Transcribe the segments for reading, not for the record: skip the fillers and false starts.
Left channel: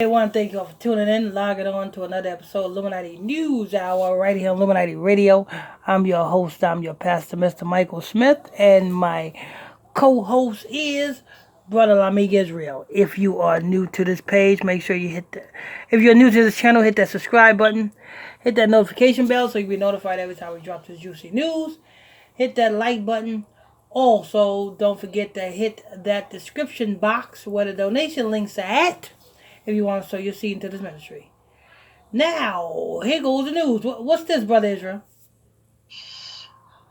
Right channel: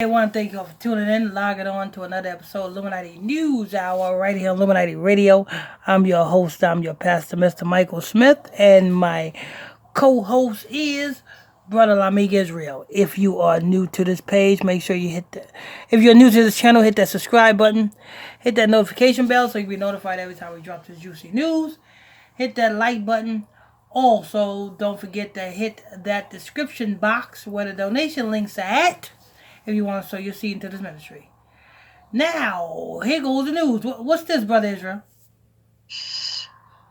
I want to thank you all for tuning in, logging on to another episode of Illuminati News Hour right here on Illuminati Radio. I'm your host, I'm your pastor, Mr. Michael Smith, and my co-host is Brother Lamig Israel. If you are new to this page, make sure you if you're new to this channel, hit that subscribe button, hit that notification bell so you'll be notified every time we drop this juicy news. Hit that like button. Also, don't forget to hit that description box where the donation links are at if you want to sow your seed into this ministry. Now, here goes the news. What's this, Brother Israel?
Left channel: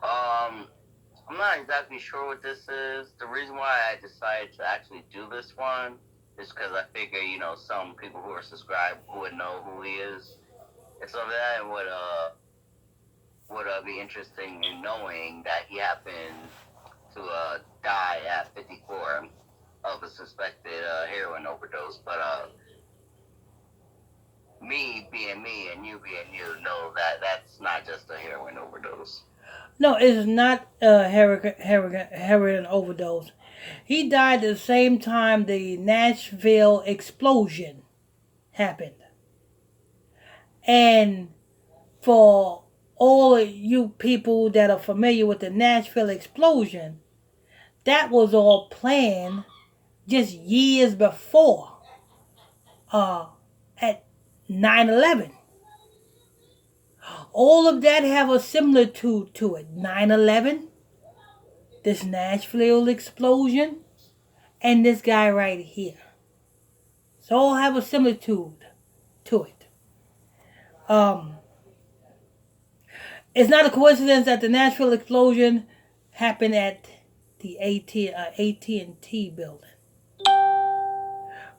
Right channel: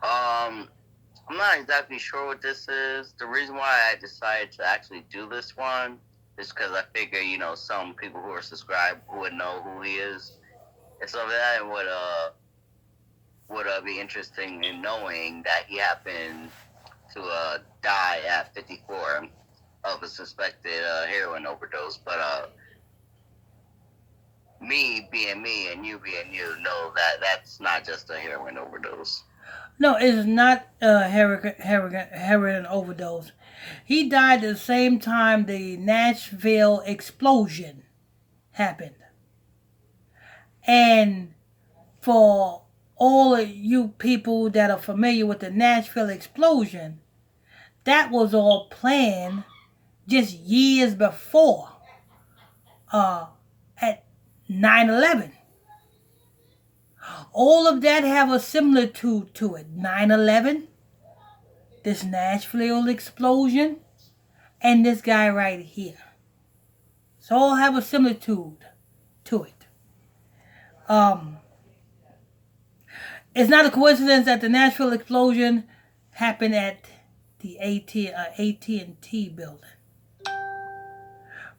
I'm not exactly sure what this is. The reason why I decided to actually do this one is because I figure, some people who are subscribed would know who he is. And so that would be interesting in knowing that he happened to die at 54 of a suspected heroin overdose. But me being me and you being you know that that's not just a heroin overdose. No, it's not a heroin overdose. He died the same time the Nashville Explosion happened. And for all of you people that are familiar with the Nashville Explosion, that was all planned just years before at 9/11. All of that have a similitude to it. 9/11, this Nashville explosion, and this guy right here. So all have a similitude to it. It's not a coincidence that the Nashville explosion happened at the AT&T building.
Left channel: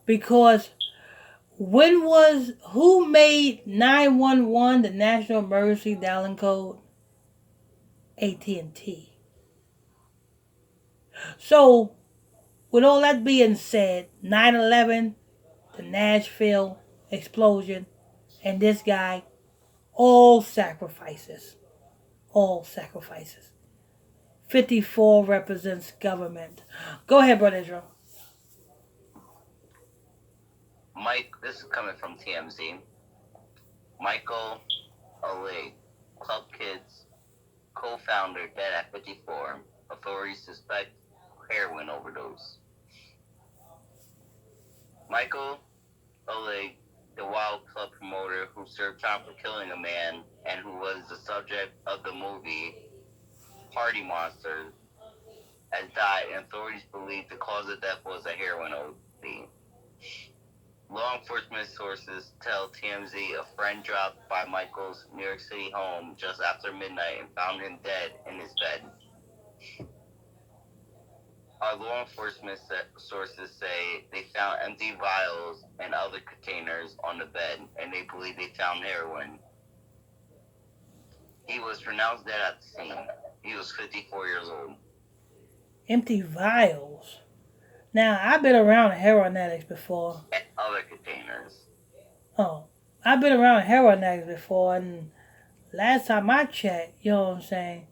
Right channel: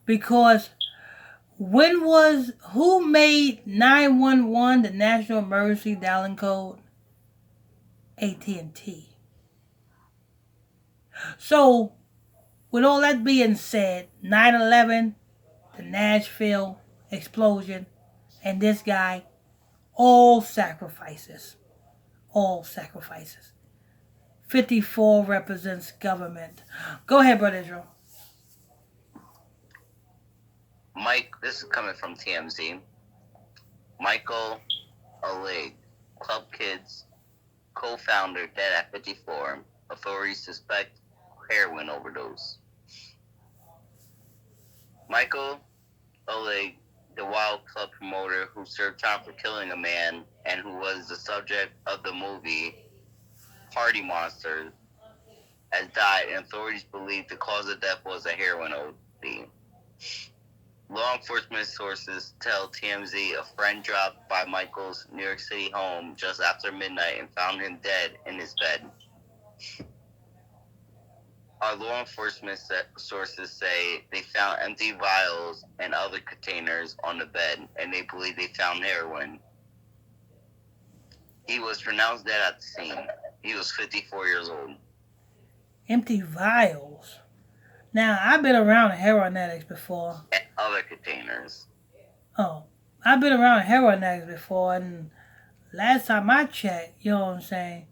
Because who made 911 the National Emergency Dialing Code? AT&T. So, with all that being said, 9/11, the Nashville explosion, and this guy, all sacrifices. All sacrifices. 54 represents government. Go ahead, Brother Israel. Mike, this is coming from TMZ. Michael Alig, Club Kids co-founder, dead at 54. Authorities suspect heroin overdose. Michael Alig, the Wild Club promoter who served time for killing a man and who was the subject of the movie Party Monsters, has died, and authorities believe the cause of death was a heroin OD. Law enforcement sources tell TMZ a friend dropped by Michael's New York City home just after midnight and found him dead in his bed. Our law enforcement sources say they found empty vials and other containers on the bed, and they believe they found heroin. He was pronounced dead at the scene. He was 54 years old. Empty vials. Now, I've been around heroin addicts before. And other containers. Oh, I've been around heroin addicts before, and last time I checked, you know what I'm saying,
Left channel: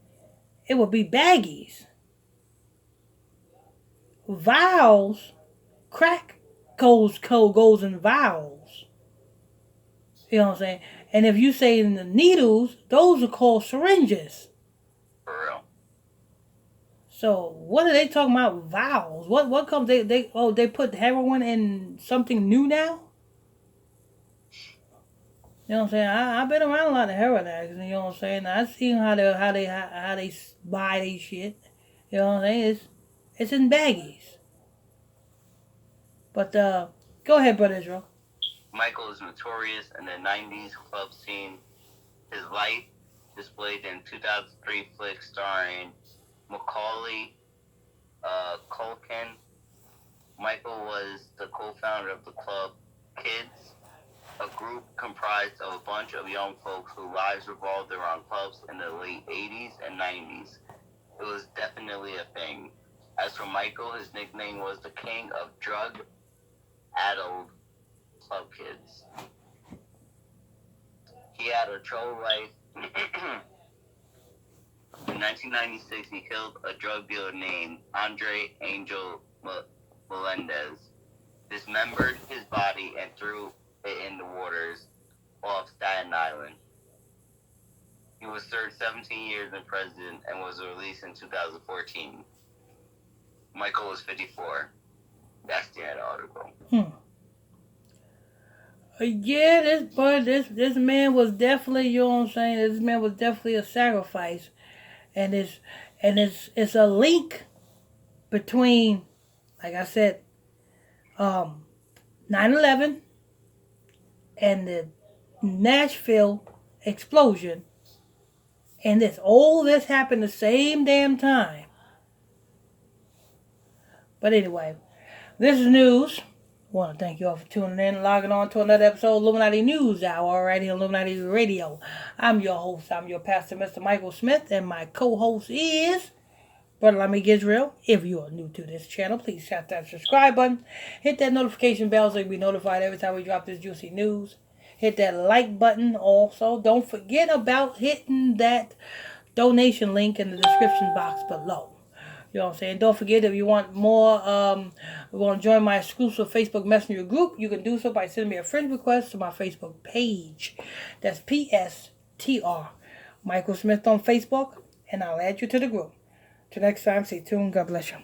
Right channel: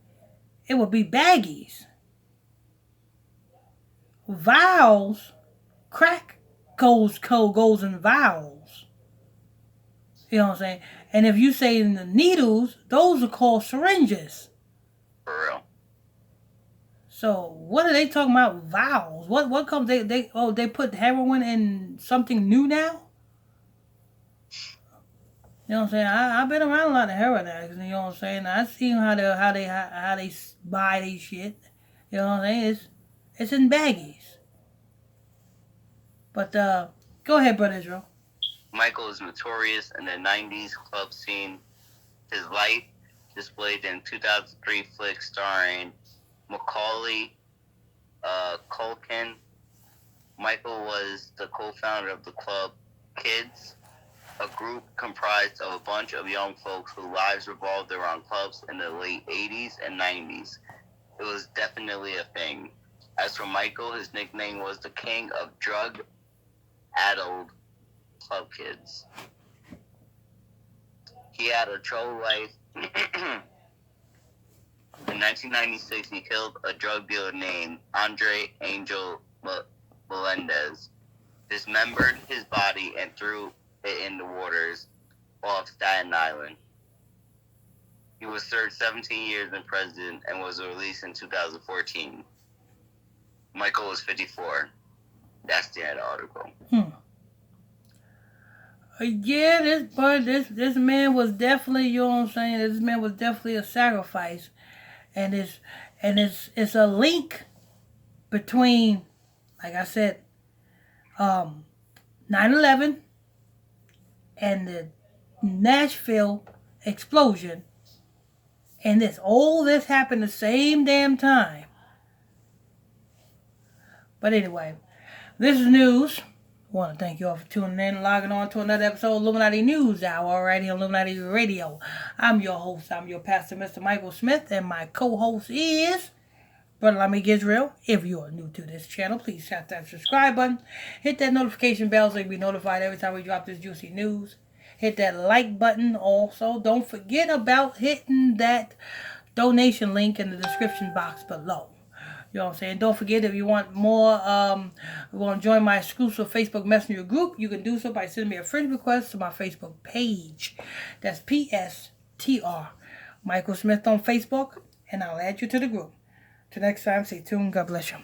it would be baggies. Vials, crack goes in vials. You know what I'm saying? And if you say in the needles, those are called syringes. For real. So what are they talking about vials? What comes they put heroin in something new now? You know what I'm saying? I've been around a lot of heroin addicts, you know what I'm saying? I've seen how they buy these shit. You know what I'm saying? It's in baggies. But go ahead, Brother Israel. Michael is notorious in the 90s club scene. His life displayed in 2003 flick starring Macaulay Culkin. Michael was the co-founder of the club Kids, a group comprised of a bunch of young folks whose lives revolved around clubs in the late 80s and 90s. It was definitely a thing. As for Michael, his nickname was the King of Drug-Addled Club Kids. He had a troubled life. In 1996, he killed a drug dealer named Andre Angel Melendez. dismembered his body and threw it in the waters off Staten Island. He was served 17 years in prison and was released in 2014. Michael was 54. That's the end of the article. Yeah, this man was definitely, you know what I'm saying? This man was definitely a sacrifice, and it's a link between, like I said, 9/11 and the Nashville explosion, and all this happened the same damn time. But anyway, this is news. I want to thank you all for tuning in and logging on to another episode of Illuminati News Hour right here on Illuminati Radio. I'm your host, I'm your pastor, Mr. Michael Smith, and my co-host is Brother Lamik Israel. If you are new to this channel, please tap that subscribe button. Hit that notification bell so you'll be notified every time we drop this juicy news. Hit that like button also. Don't forget about hitting that donation link in the description box below. You know what I'm saying? Don't forget, if you want more, you want to join my exclusive Facebook Messenger group, you can do so by sending me a friend request to my Facebook page. That's PSTR Michael Smith on Facebook, and I'll add you to the group. Till next time, stay tuned. God bless you.